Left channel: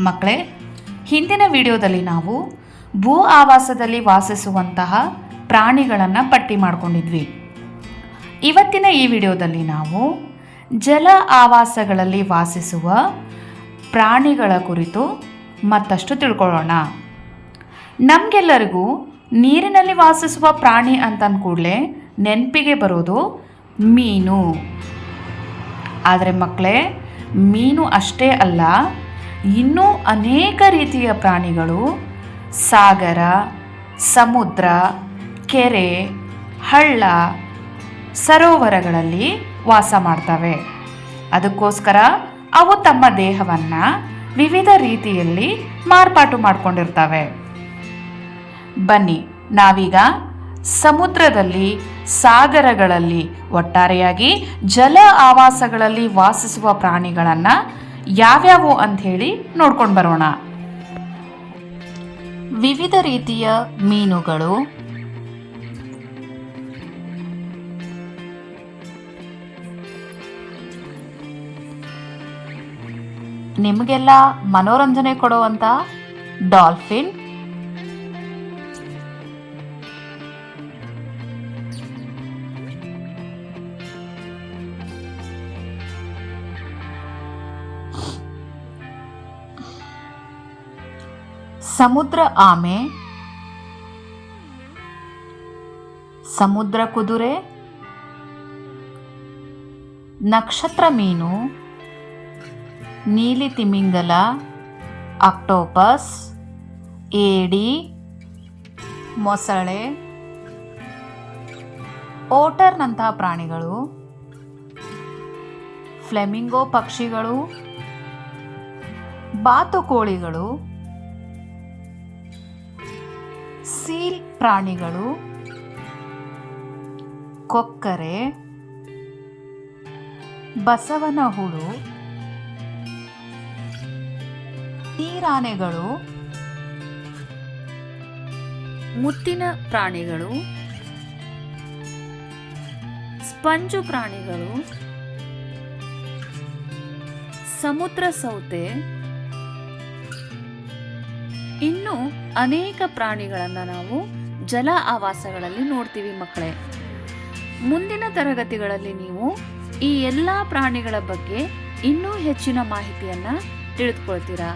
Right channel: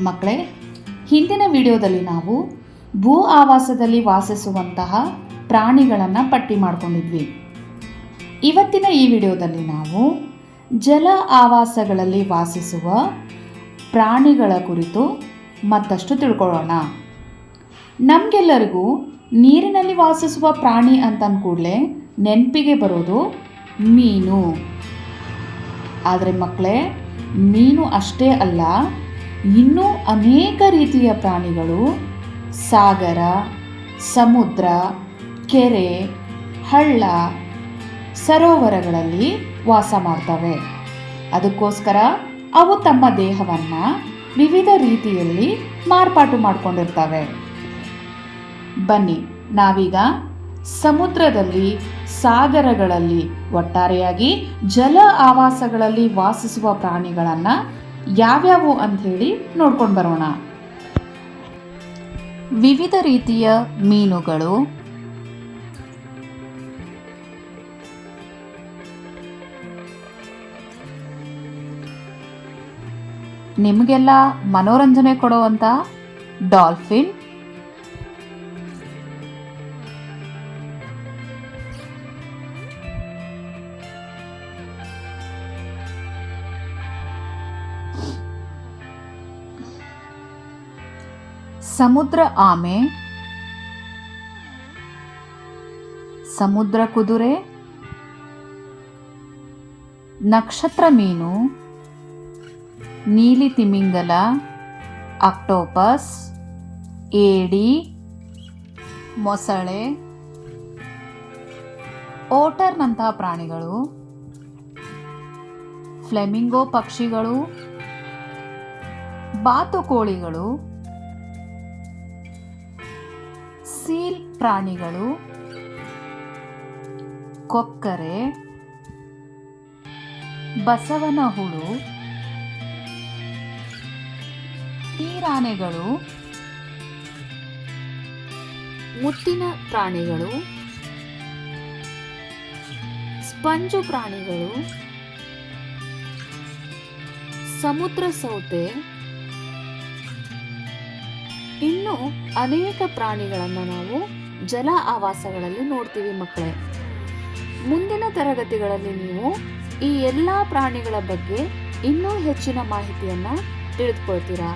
ಮಕ್ಕಳೇ, ಹಿಂದಿನ ವಿಡಿಯೋದಲ್ಲಿ ನಾವು ಭೂ ಆವಾಸದಲ್ಲಿ ವಾಸಿಸುವಂತಹ ಪ್ರಾಣಿಗಳನ್ನು ಪಟ್ಟಿ ಮಾಡಿಕೊಂಡಿದ್ವಿ. ಇವತ್ತಿನ ಈ ವಿಡಿಯೋದಲ್ಲಿ ನಾವು ಜಲ ಆವಾಸಗಳಲ್ಲಿ ವಾಸಿಸುವ ಪ್ರಾಣಿಗಳ ಕುರಿತು ಮತ್ತಷ್ಟು ತಿಳ್ಕೊಳ್ಳೋಣ. ನಮಗೆಲ್ಲರಿಗೂ ನೀರಿನಲ್ಲಿ ವಾಸಿಸುವ ಪ್ರಾಣಿ ಅಂತಂದ ಕೂಡಲೇ ನೆನಪಿಗೆ ಬರೋದು ಮೀನು. ಆದರೆ ಮಕ್ಕಳೇ, ಮೀನು ಅಷ್ಟೇ ಅಲ್ಲ ಇನ್ನೂ ಅನೇಕ ರೀತಿಯ ಪ್ರಾಣಿಗಳು, ಸಾಗರ, ಸಮುದ್ರ, ಕೆರೆ, ಹಳ್ಳ, ಸರೋವರಗಳಲ್ಲಿ ವಾಸ ಮಾಡ್ತವೆ. ಅದಕ್ಕೋಸ್ಕರ ಅವು ತಮ್ಮ ದೇಹವನ್ನು ವಿವಿಧ ರೀತಿಯಲ್ಲಿ ಮಾರ್ಪಾಟು ಮಾಡಿಕೊಂಡಿರ್ತವೆ. ಬನ್ನಿ, ನಾವೀಗ ಸಮುದ್ರದಲ್ಲಿ, ಸಾಗರಗಳಲ್ಲಿ ಒಟ್ಟಾರೆಯಾಗಿ ಜಲ ಆವಾಸಗಳಲ್ಲಿ ವಾಸಿಸುವ ಪ್ರಾಣಿಗಳನ್ನು ಯಾವ್ಯಾವು ಅಂಥೇಳಿ ನೋಡ್ಕೊಂಡು ಬರೋಣ. ವಿವಿಧ ರೀತಿಯ ಮೀನುಗಳು. ನಿಮಗೆಲ್ಲ ಮನೋರಂಜನೆ ಕೊಡುವಂಥ ಡಾಲ್ಫಿನ್ ಸಮುದ್ರ ಆಮೆ, ಸಮುದ್ರ ಕುದುರೆ, ನಕ್ಷತ್ರ ಮೀನು, ನೀಲಿ ತಿಮಿಂಗಲ ಅಕ್ಟೋಪಸ್ ಏಡಿ, ಮೊಸಳೆ, ಓಟರ್ನಂತಹ ಪ್ರಾಣಿಗಳು, ಫ್ಲೆಮಿಂಗೋ ಪಕ್ಷಿಗಳು, ಬಾತುಕೋಳಿಗಳು ಸೀಲ್ ಪ್ರಾಣಿಗಳು ಕೊಕ್ಕರೆ ಬಸವನ ಹುಳು ನೀರಾನೆಗಳು ಮುತ್ತಿನ ಪ್ರಾಣಿಗಳು ಸ್ಪಂಜು ಪ್ರಾಣಿಗಳು ಸಮುದ್ರ ಸೌತೆ ಇನ್ನು ಅನೇಕ ಪ್ರಾಣಿಗಳನ್ನು ನಾವು ಜಲ ಆವಾಸಗಳಲ್ಲಿ ನೋಡ್ತೀವಿ ಮಕ್ಕಳೇ. ಮುಂದಿನ ತರಗತಿಗಳಲ್ಲಿ ನೀವು ಈ ಎಲ್ಲ ಪ್ರಾಣಿಗಳ ಬಗ್ಗೆ ಇನ್ನೂ ಹೆಚ್ಚಿನ ಮಾಹಿತಿಯನ್ನು ತಿಳಿದುಕೊಳ್ತೀರಾ?